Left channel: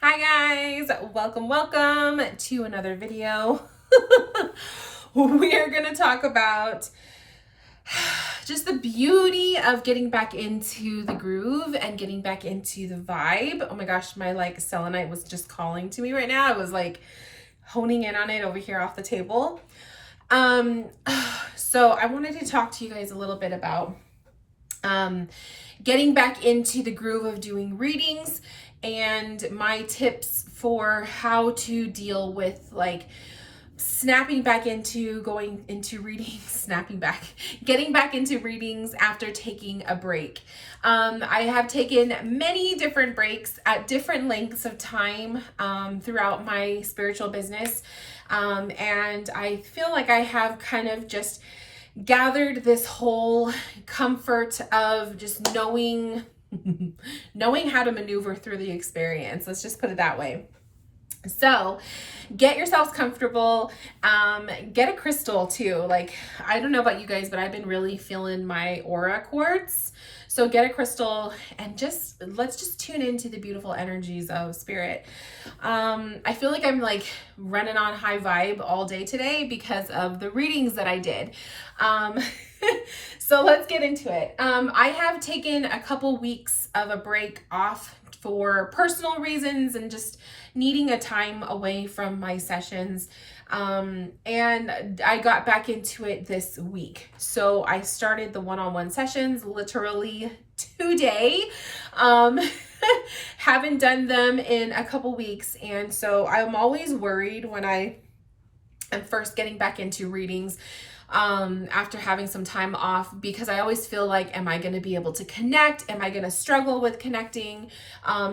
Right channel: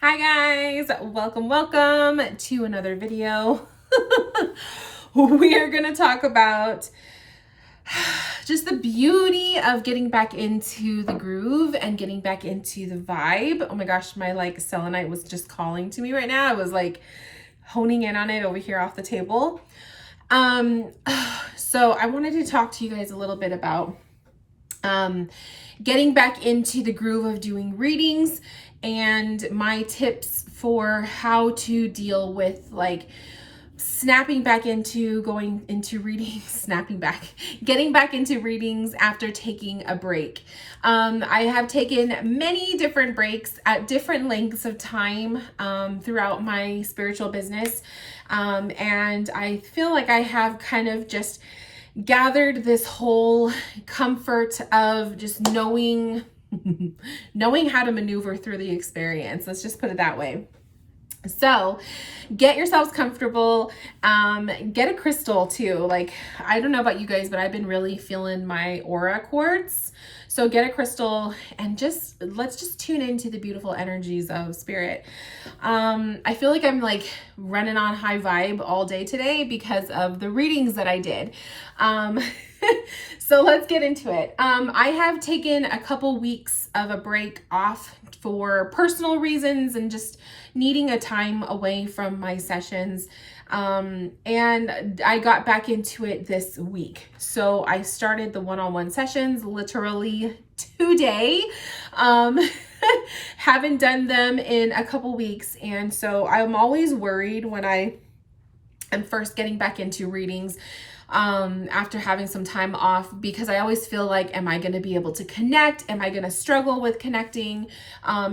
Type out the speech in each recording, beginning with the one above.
Hi guys, welcome to another video. We are going to talk about just the beauty of getting back into the groove and getting back into the vibe. Oh my gosh, my selenite was just calling to me right now. I was honing in on it over here off the table. Um so I wanted to talk to you guys a little bit about getting back into the groove of doing readings and my tips for how to deal with snapping back into going into readings, getting back into readings after taking a break. I have taken many different breaks at different lengths of time throughout my spiritual business. And I feel like I have kind of just gathered this whole comfort of just knowing how to maneuver through the experience. Let's just put it that way. So get yourselves comfortable. Get a crystal too. I don't know about you guys, but I've been really feeling my aura quartz. So get a crystal and let's just tune into the beautiful energies of spirit. I feel like I'm running on high vibe all day today because of the readings that I did. So let's get into it. I have taken a couple weeks of a break off for personal reasons and just needing a time away from my sessions. And I got back into it this week. So I started the one-on-one sessions literally today. Haven't done them in a couple weeks. And so I'm always worried when I am first getting back into readings after having some time off, because I always feel like, am I going to be able to connect? Am I going to struggle with connecting?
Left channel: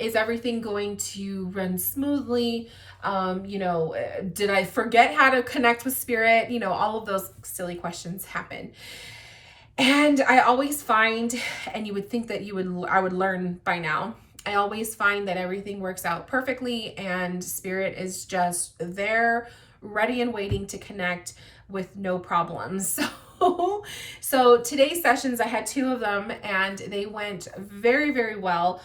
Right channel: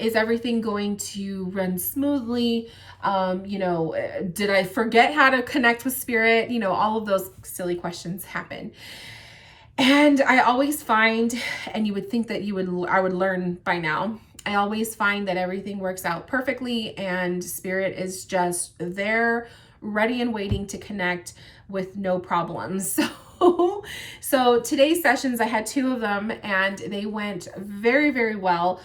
Is everything going to run smoothly? Did I forget how to connect with spirit? All of those silly questions happen. And I always find, and you would think that I would learn by now, I always find that everything works out perfectly and spirit is just there, ready and waiting to connect with no problems. So today's sessions, I had 2 of them and they went very, very well.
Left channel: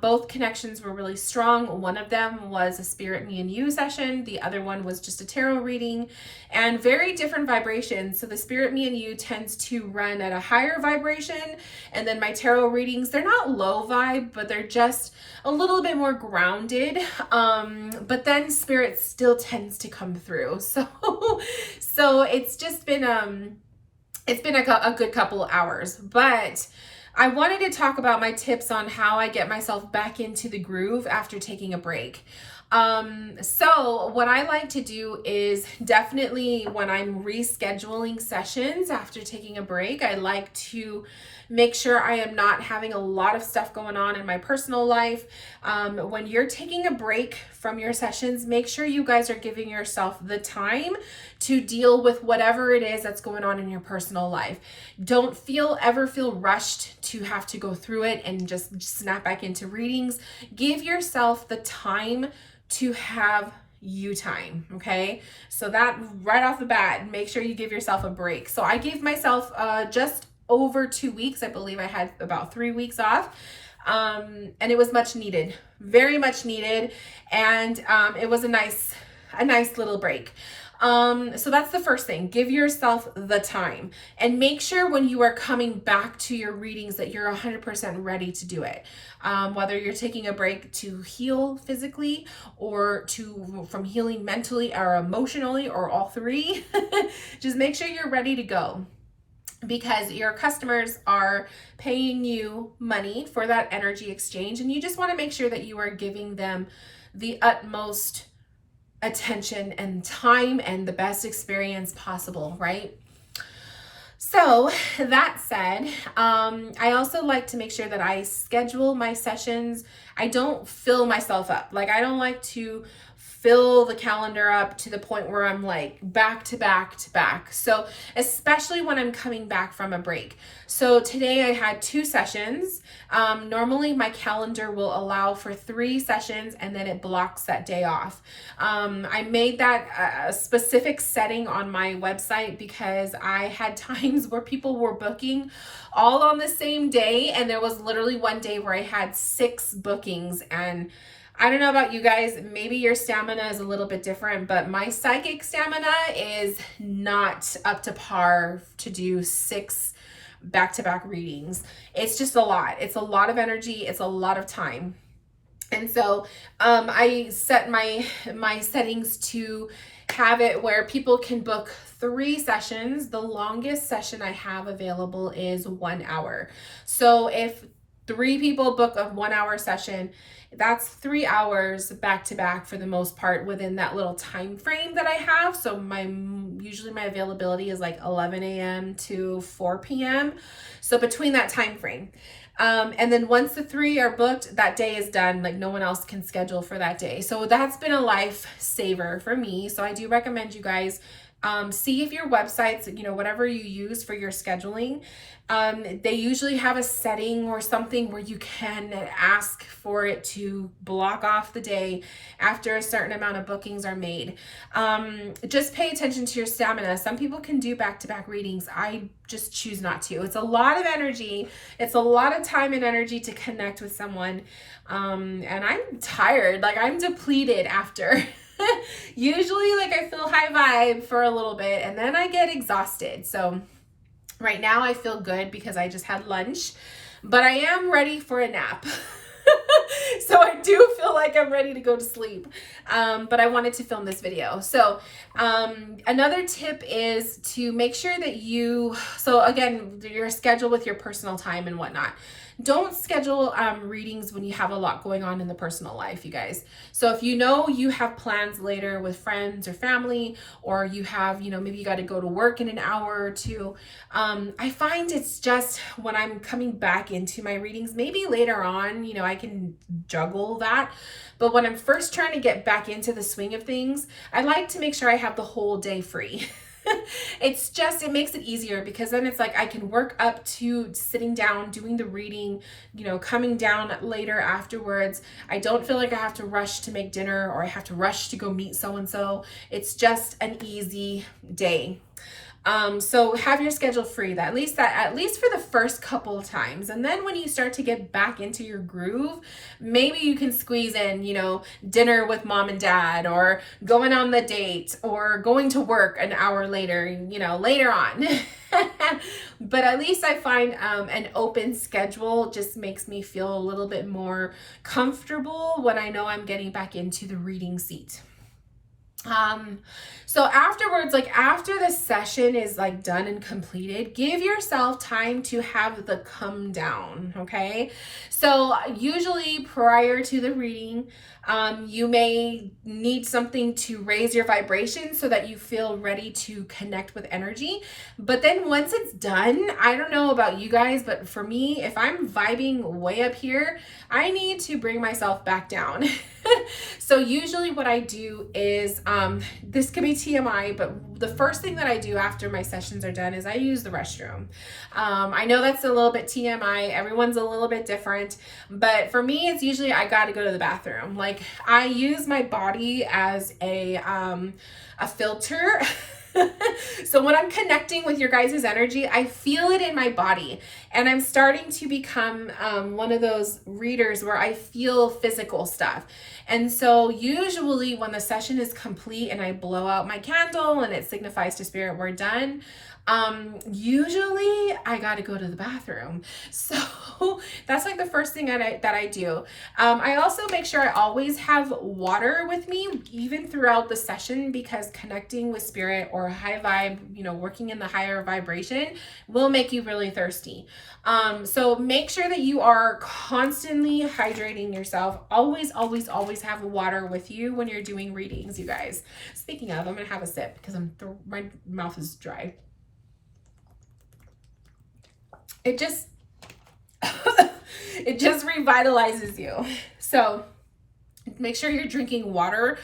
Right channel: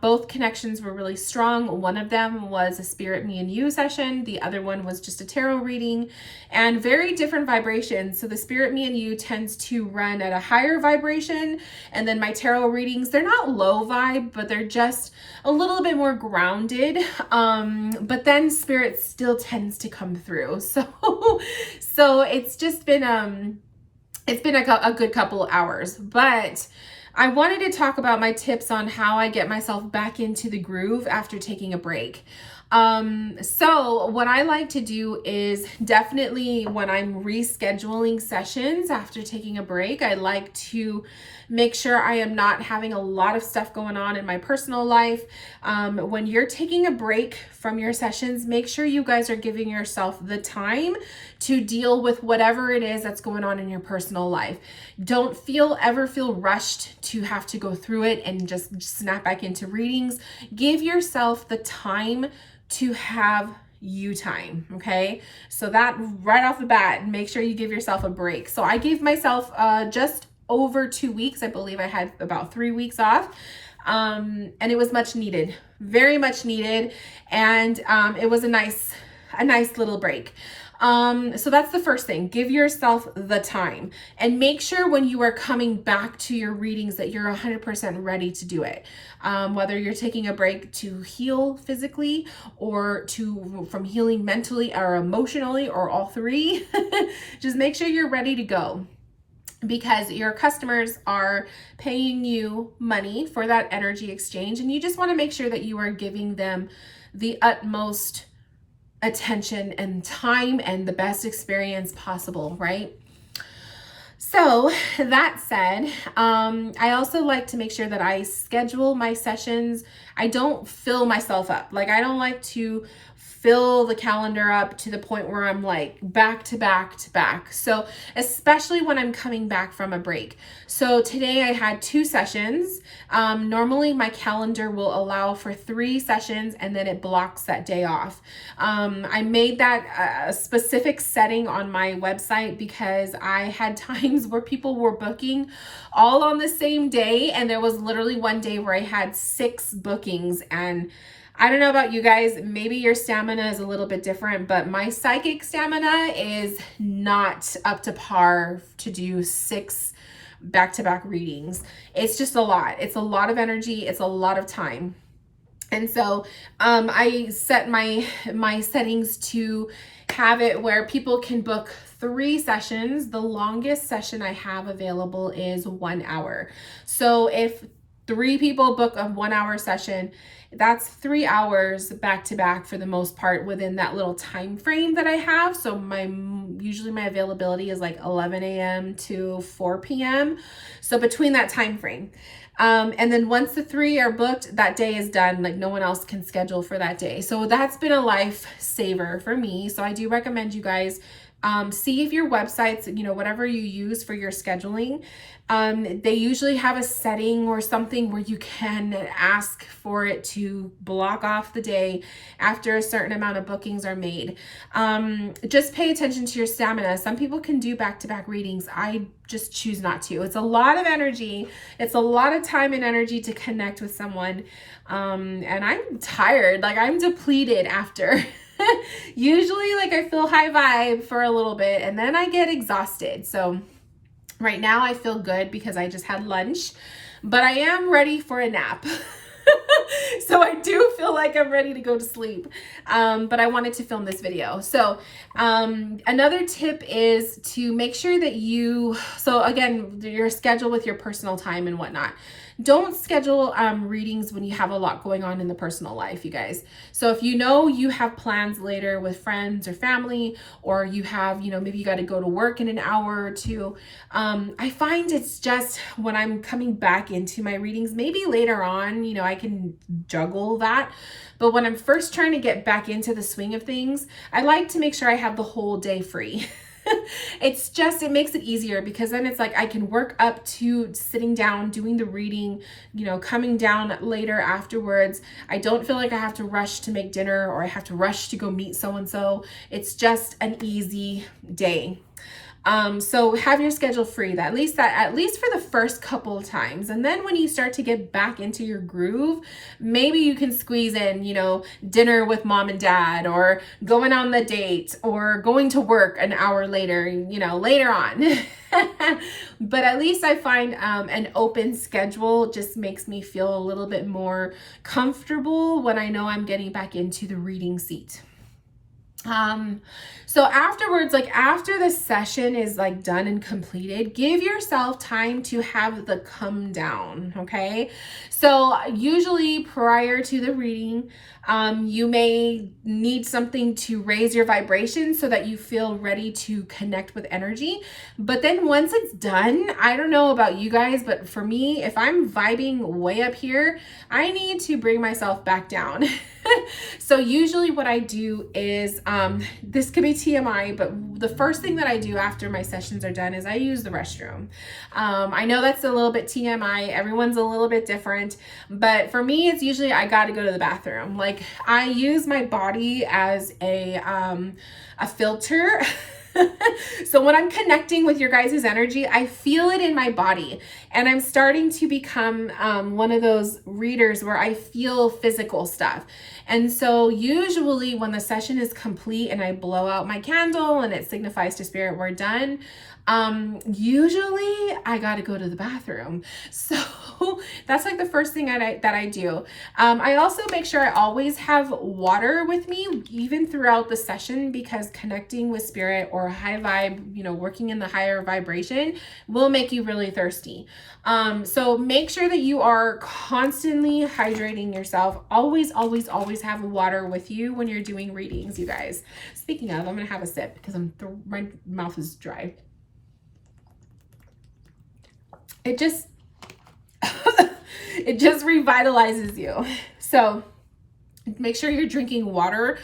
Both connections were really strong. One of them was a Spirit Me and You session. The other one was just a tarot reading, and very different vibrations. So the Spirit Me and You tends to run at a higher vibration. And then my tarot readings, they're not low vibe, but they're just a little bit more grounded. But then spirit still tends to come through. So it's just been, it's been a good couple hours, but I wanted to talk about my tips on how I get myself back into the groove after taking a break. So what I like to do is definitely when I'm rescheduling sessions after taking a break, I like to make sure I am not having a lot of stuff going on in my personal life. When you're taking a break from your sessions, make sure you guys are giving yourself the time to deal with whatever it is that's going on in your personal life. Don't ever feel rushed to have to go through it and just snap back into readings. Give yourself the time to have you time. Okay. So that right off the bat, make sure you give yourself a break. So I gave myself just over 2 weeks. I believe I had about 3 weeks off. And it was much needed, very much needed. And it was a nice little break. So that's the first thing. Give yourself the time and make sure when you are coming back to your readings that you're 100% ready to do it. Whether you're taking a break to heal physically or from healing mentally or emotionally or all 3, just make sure you're ready to go, because your customers are paying you money for that energy exchange. And you just want to make sure that you are giving them the utmost attention and time and the best experience possible, right? So that said, I also like to make sure that I schedule my sessions. I don't fill myself up. I don't like to fill the calendar up to the point where I'm back to back to back. So especially when I'm coming back from a break. So today I had 2 sessions. Normally my calendar will allow for 3 sessions and then it blocks that day off. I made that a specific setting on my website because I had times where people were booking all on the same day, and there was literally one day where I had 6 bookings, and I don't know about you guys, maybe your stamina is a little bit different, but my psychic stamina is not up to par to do 6 back-to-back readings. It's just a lot. It's a lot of energy. It's a lot of time. And so I set my settings to have it where people can book 3 sessions. The longest session I have available is 1 hour. So if 3 people book a 1 hour session, that's 3 hours back to back for the most part within that little time frame that I have. So usually my availability is like 11 a.m. to 4 p.m. So between that time frame. And then once the 3 are booked, that day is done. Like no one else can schedule for that day. So that's been a lifesaver for me. So I do recommend you guys see if your websites, whatever you use for your scheduling, they usually have a setting or something where you can ask for it to block off the day after a certain amount of bookings are made. Just pay attention to your stamina. Some people can do back-to-back readings. I just choose not to. It's a lot of energy. It's a lot of time and energy to connect with someone. And I'm tired, like I'm depleted after. Usually like I feel high vibe for a little bit and then I get exhausted. So right now I feel good because I just had lunch, but I am ready for a nap. So I do feel like I'm ready to go to sleep. But I wanted to film this video. So another tip is to make sure that so again, your schedule with your personal time and whatnot. Don't schedule readings when you have a lot going on in the personal life, you guys. So if you know you have plans later with friends or family, or you have, maybe you got to go to work in an hour or two. I find it's just when I'm coming back into my readings, maybe later on, I can juggle that. But when I'm first trying to get back into the swing of things, I like to make sure I have the whole day free. It makes it easier because then it's like I can work up to sitting down, doing the reading, coming down later afterwards. I don't feel like I have to rush to make dinner or I have to rush to go meet so-and-so. It's just an easy day. So have your schedule free, at least for the first couple of times. And then when you start to get back into your groove, maybe you can squeeze in, dinner with mom and dad, or going on the date, or going to work an hour later, later on. But at least I find an open schedule just makes me feel a little bit more comfortable when I know I'm getting back into the reading seat. So afterwards, like after the session is like done and completed, give yourself time to have the come down. Okay. So usually prior to the reading, you may need something to raise your vibration so that you feel ready to connect with energy. But then once it's done, I don't know about you guys, but for me, if I'm vibing way up here, I need to bring myself back down. So usually what I do is, this could be TMI, but the first thing that I do after my sessions are done is I use the restroom. I know that's a little bit TMI. Everyone's a little bit different, but for me, it's usually I got to go to the bathroom. Like I use my body as a filter. So when I'm connecting with your guys' energy, I feel it in my body, and I'm starting to become one of those readers where I feel physical stuff. And so usually when the session is complete and I blow out my candle and it signifies to spirit we're done, usually I got to go to the bathroom. So that's like the first thing that I do. I also make sure I always have water with me even throughout the session, because connecting with spirit or high vibe, working in the higher vibration will make you really thirsty. So make sure that you are constantly hydrating yourself. Always, always, always have water with you when you're doing readings, you guys. Speaking of, I'm going to have a sip because my mouth is dry. It just revitalizes you. So make sure you're drinking water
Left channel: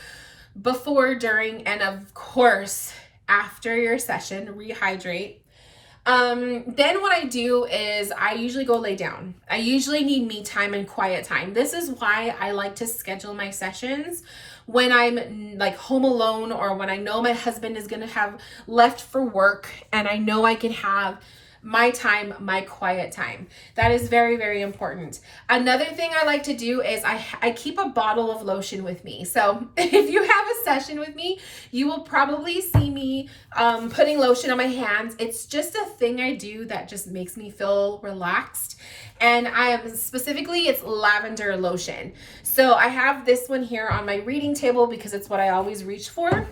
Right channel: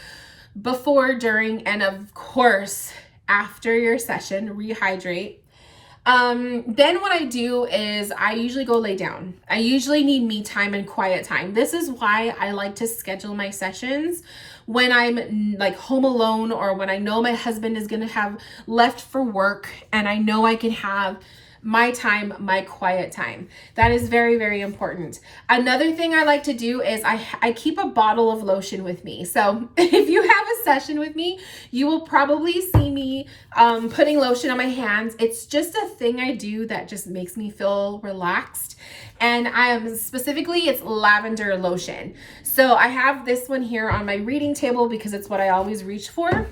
before, during, and of course after your session. Rehydrate. Then what I do is I usually go lay down. I usually need me time and quiet time. This is why I like to schedule my sessions when I'm like home alone, or when I know my husband is going to have left for work and I know I can have my time, my quiet time. That is very, very important. Another thing I like to do is I keep a bottle of lotion with me. So if you have a session with me, you will probably see me putting lotion on my hands. It's just a thing I do that just makes me feel relaxed. And specifically, it's lavender lotion. So I have this one here on my reading table because it's what I always reach for.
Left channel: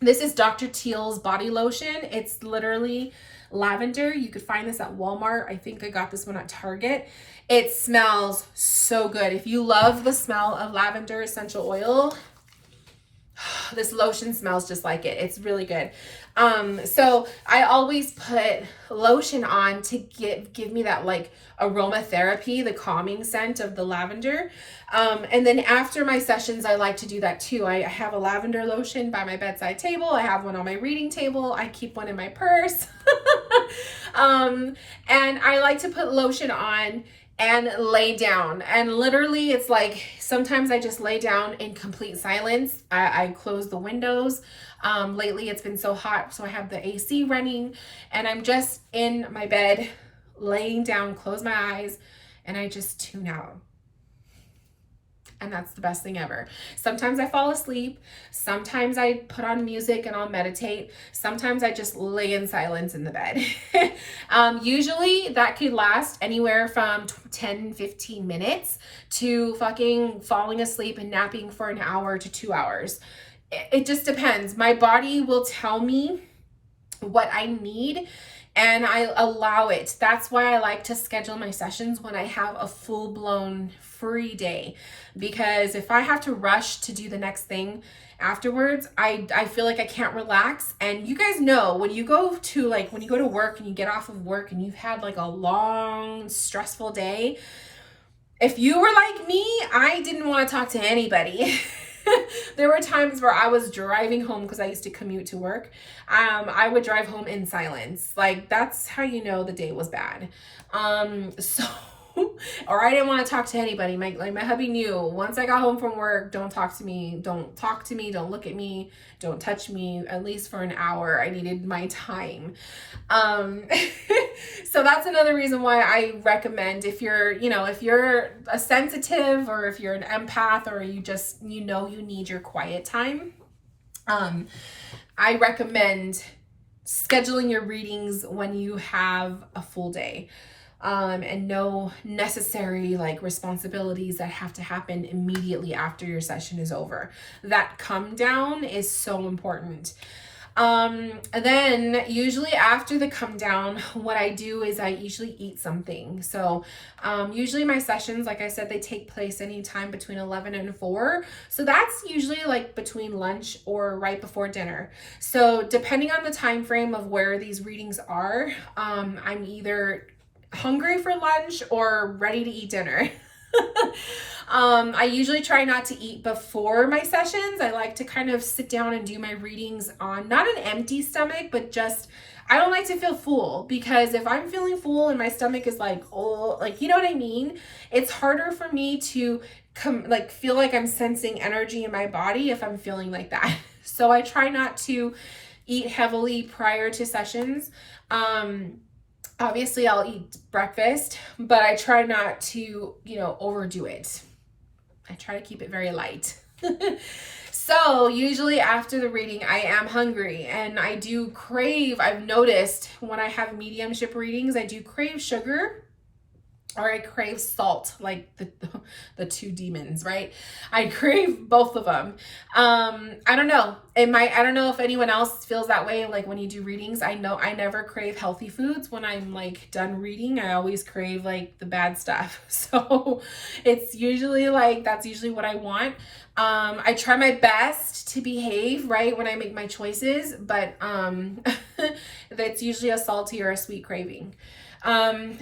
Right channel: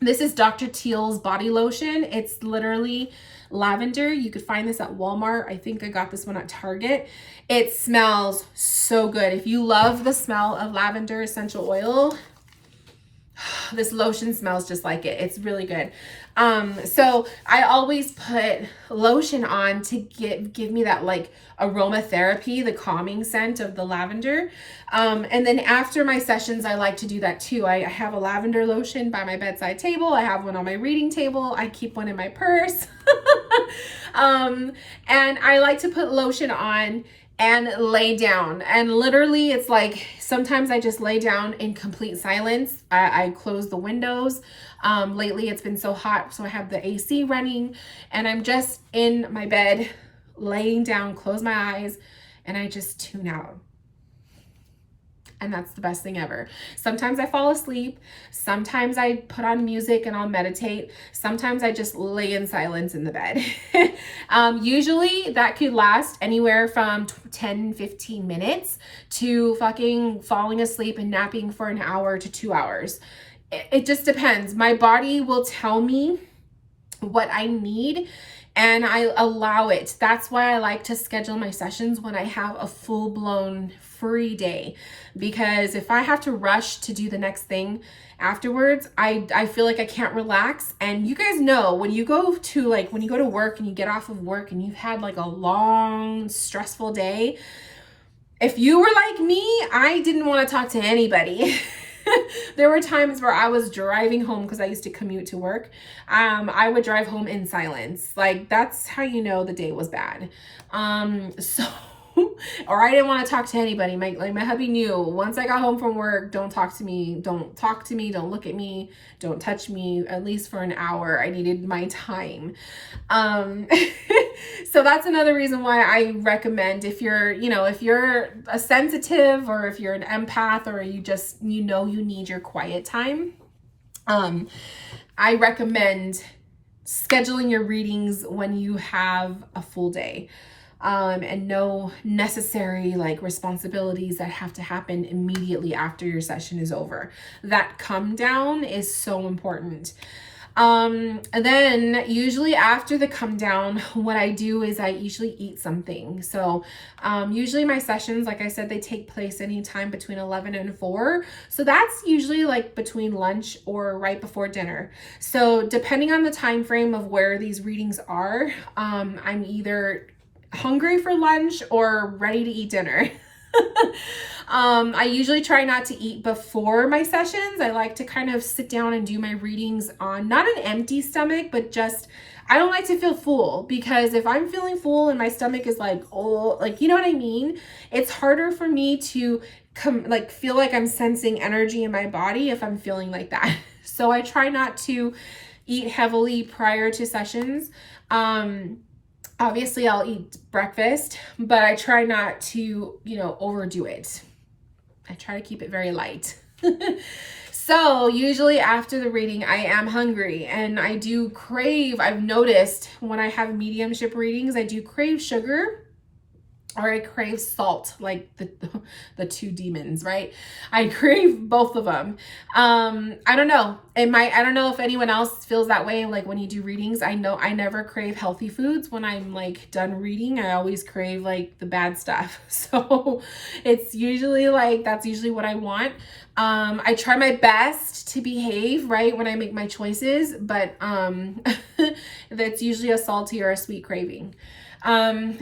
This is Dr. Teal's body lotion. It's literally lavender. You could find this at Walmart. I think I got this one at Target. It smells so good. If you love the smell of lavender essential oil, this lotion smells just like it. It's really good. So I always put lotion on to give me that like aromatherapy, the calming scent of the lavender. And then after my sessions, I like to do that too. I have a lavender lotion by my bedside table. I have one on my reading table. I keep one in my purse. And I like to put lotion on and lay down. And literally it's like, sometimes I just lay down in complete silence. I close the windows. Lately it's been so hot, so I have the AC running and I'm just in my bed, laying down, close my eyes, and I just tune out. And that's the best thing ever. Sometimes I fall asleep. Sometimes I put on music and I'll meditate. Sometimes I just lay in silence in the bed. Usually that could last anywhere from 10, 15 minutes to fucking falling asleep and napping for an hour to 2 hours. It just depends. My body will tell me what I need and I allow it. That's why I like to schedule my sessions when I have a full-blown free day, because if I have to rush to do the next thing afterwards, I feel like I can't relax. And you guys know when you go to work and you get off of work and you've had like a long stressful day, if you were like me, I didn't want to talk to anybody. There were times where I was driving home because I used to commute to work. I would drive home in silence. Like, that's how you know the day was bad. Or I didn't want to talk to anybody. My hubby knew once I got home from work, don't talk to me, don't look at me, don't touch me, at least for an hour. I needed my time. So that's another reason why I recommend, if you're a sensitive or if you're an empath or you need your quiet time, I recommend scheduling your readings when you have a full day. And no necessary like responsibilities that have to happen immediately after your session is over. That come down is so important. And then usually after the come down, what I do is I usually eat something. So usually my sessions, like I said, they take place anytime between 11 and 4. So that's usually like between lunch or right before dinner. So depending on the time frame of where these readings are, I'm either hungry for lunch or ready to eat dinner. I usually try not to eat before my sessions. I like to kind of sit down and do my readings on not an empty stomach, but just, I don't like to feel full, because if I'm feeling full and my stomach is like, oh, like, you know what I mean? It's harder for me to feel like I'm sensing energy in my body if I'm feeling like that. So I try not to eat heavily prior to sessions. Obviously I'll eat breakfast, but I try not to, overdo it. I try to keep it very light. So usually after the reading, I am hungry and I do crave, I've noticed when I have mediumship readings, I do crave sugar or I crave salt, like the two demons, right? I crave both of them. I don't know. I don't know if anyone else feels that way. Like when you do readings, I know I never crave healthy foods. When I'm like done reading, I always crave like the bad stuff. So it's usually like, that's usually what I want. I try my best to behave right when I make my choices, but that's usually a salty or a sweet craving.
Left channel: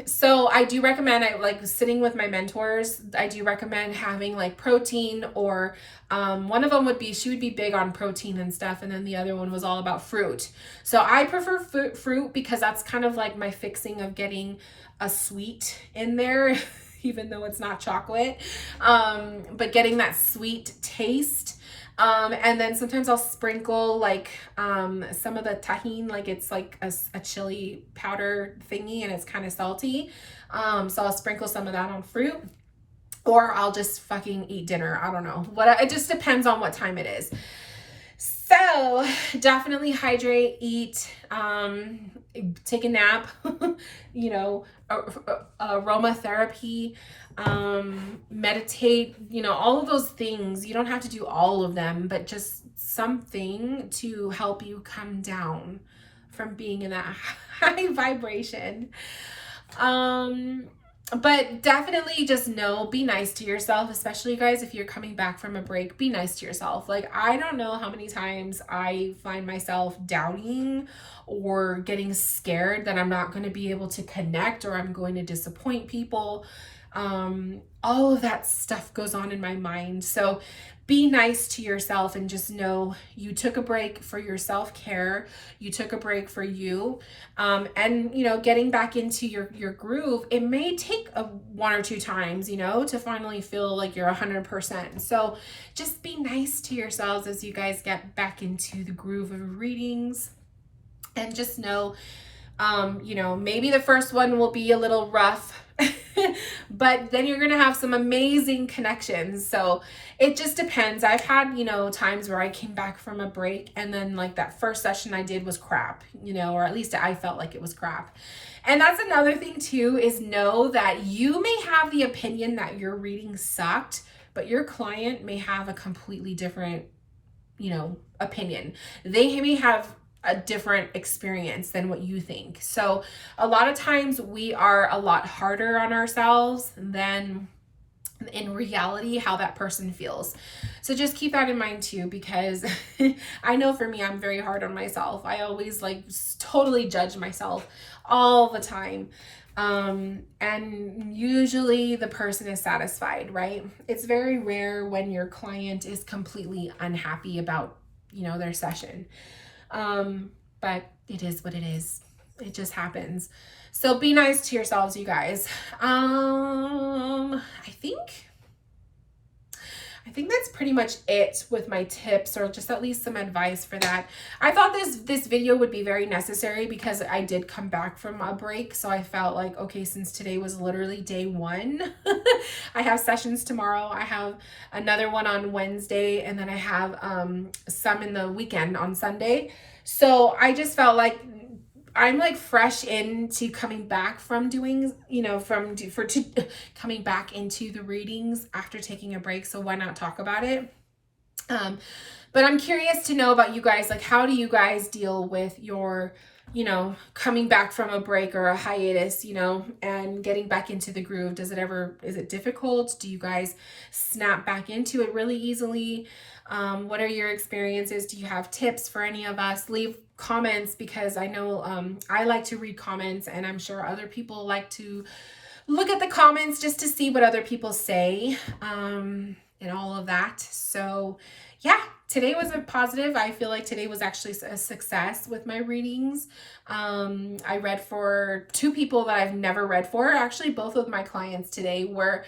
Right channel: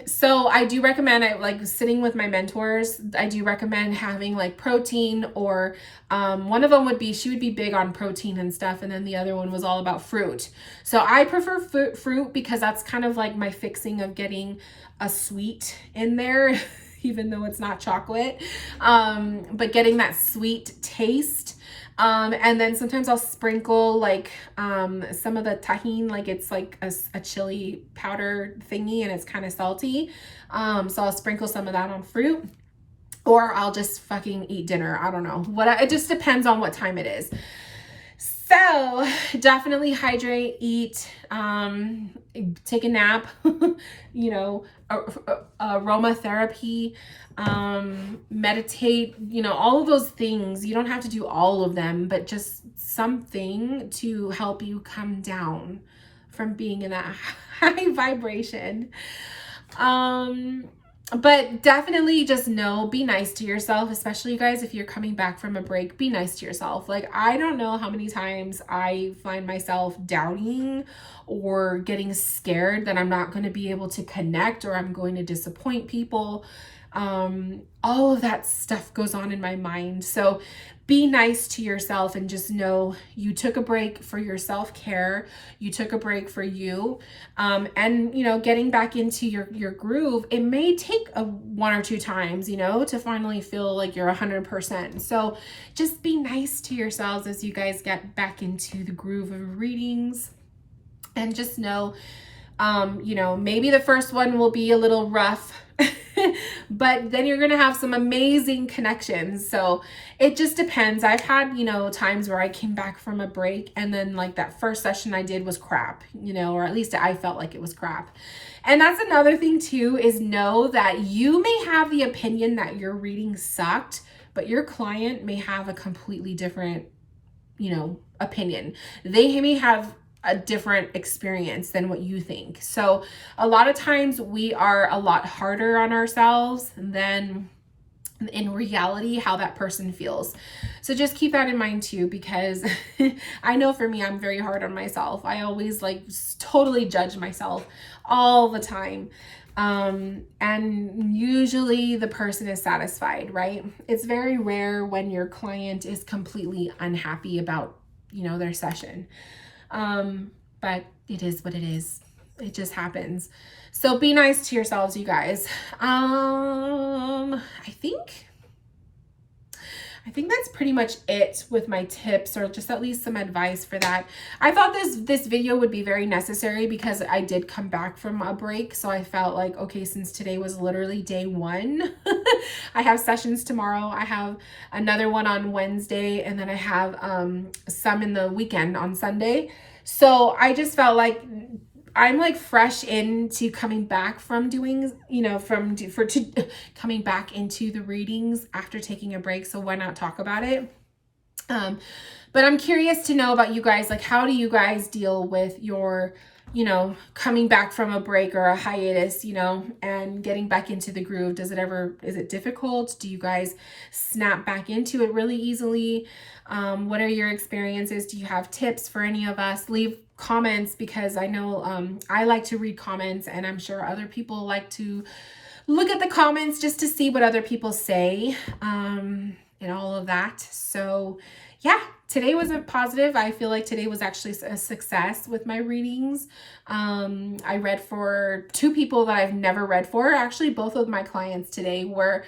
So I do recommend, like sitting with my mentors, I do recommend having like protein or, one of them she would be big on protein and stuff. And then the other one was all about fruit. So I prefer fruit because that's kind of like my fixing of getting a sweet in there, even though it's not chocolate, but getting that sweet taste. And then sometimes I'll sprinkle like some of the tahini, like it's like a chili powder thingy and it's kind of salty. So I'll sprinkle some of that on fruit, or I'll just fucking eat dinner. I don't know. It just depends on what time it is. So definitely hydrate, eat, take a nap, you know, aromatherapy, meditate, you know, all of those things. You don't have to do all of them, but just something to help you come down from being in that high vibration. But definitely just know, be nice to yourself, especially you guys, if you're coming back from a break, be nice to yourself. Like, I don't know how many times I find myself doubting or getting scared that I'm not going to be able to connect or I'm going to disappoint people. All of that stuff goes on in my mind. So be nice to yourself and just know you took a break for your self-care. You took a break for you. And, you know, getting back into your groove, it may take one or two times, you know, to finally feel like you're 100%. So just be nice to yourselves as you guys get back into the groove of readings. And just know, you know, maybe the first one will be a little rough, but then you're going to have some amazing connections. So it just depends. I've had, you know, times where I came back from a break and then like that first session I did was crap, you know, or at least I felt like it was crap. And that's another thing too, is know that you may have the opinion that your reading sucked, but your client may have a completely different, you know, opinion. They may have a different experience than what you think. So a lot of times we are a lot harder on ourselves than in reality how that person feels. So just keep that in mind too, because I know for me, I'm very hard on myself. I always like totally judge myself all the time. And usually the person is satisfied, right? It's very rare when your client is completely unhappy about, you know, their session. But it is what it is. It just happens. So be nice to yourselves, you guys. I think that's pretty much it with my tips, or just at least some advice for that. I thought this video would be very necessary because I did come back from a break. So I felt like, okay, since today was literally day one, I have sessions tomorrow. I have another one on Wednesday, and then I have some in the weekend on Sunday. So I just felt like I'm like fresh into coming back from doing, you know, coming back into the readings after taking a break. So why not talk about it? But I'm curious to know about you guys. Like, how do you guys deal with your, you know, coming back from a break or a hiatus, you know, and getting back into the groove? Is it difficult? Do you guys snap back into it really easily? What are your experiences? Do you have tips for any of us? Leave comments, because I know I like to read comments, and I'm sure other people like to look at the comments just to see what other people say, and all of that. So yeah, today was a positive. I feel like today was actually a success with my readings. I read for 2 people that I've never read for. Actually, both of my clients today were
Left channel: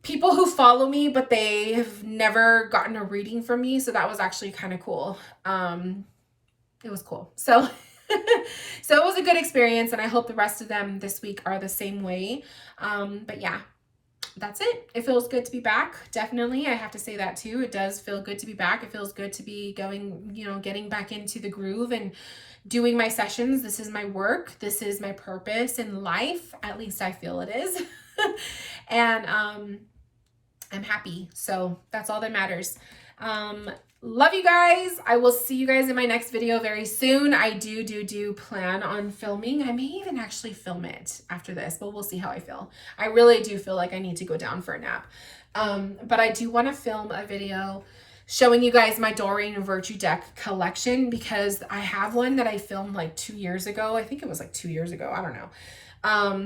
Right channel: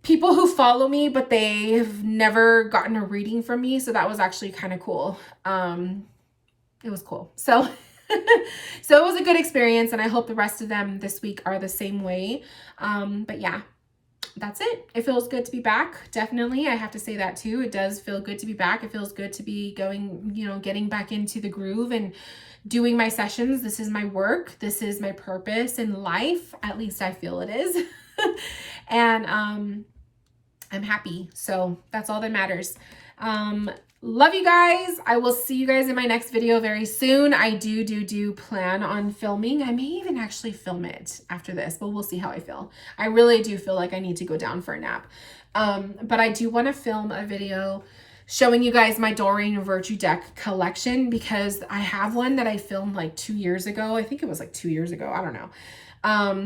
people who follow me, but they've never gotten a reading from me. So that was actually kind of cool. It was cool. So, so it was a good experience, and I hope the rest of them this week are the same way. But yeah, that's it. It feels good to be back. Definitely. I have to say that too. It does feel good to be back. It feels good to be going, you know, getting back into the groove and doing my sessions. This is my work. This is my purpose in life. At least I feel it is. And, I'm happy. So that's all that matters. Love you guys. I will see you guys in my next video very soon. I do plan on filming. I may even actually film it after this, but we'll see how I feel. I really do feel like I need to go down for a nap. But I do want to film a video showing you guys my Doreen Virtue deck collection, because I have one that I filmed like 2 years ago. I think it was like 2 years ago. I don't know.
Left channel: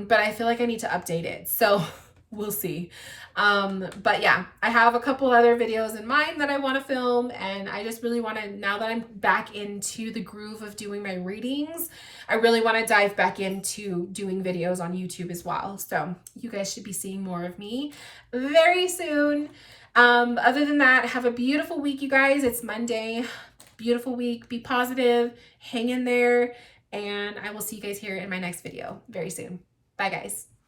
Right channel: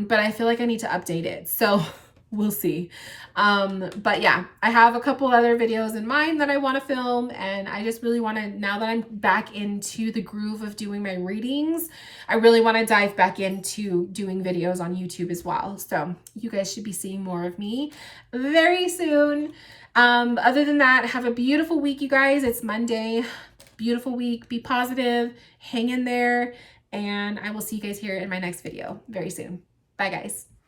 But I feel like I need to update it. So we'll see. But yeah, I have a couple other videos in mind that I want to film, and I just really want to, now that I'm back into the groove of doing my readings, I really want to dive back into doing videos on YouTube as well. So you guys should be seeing more of me very soon. Other than that, have a beautiful week, you guys. It's Monday. Beautiful week. Be positive. Hang in there. And I will see you guys here in my next video very soon. Bye, guys.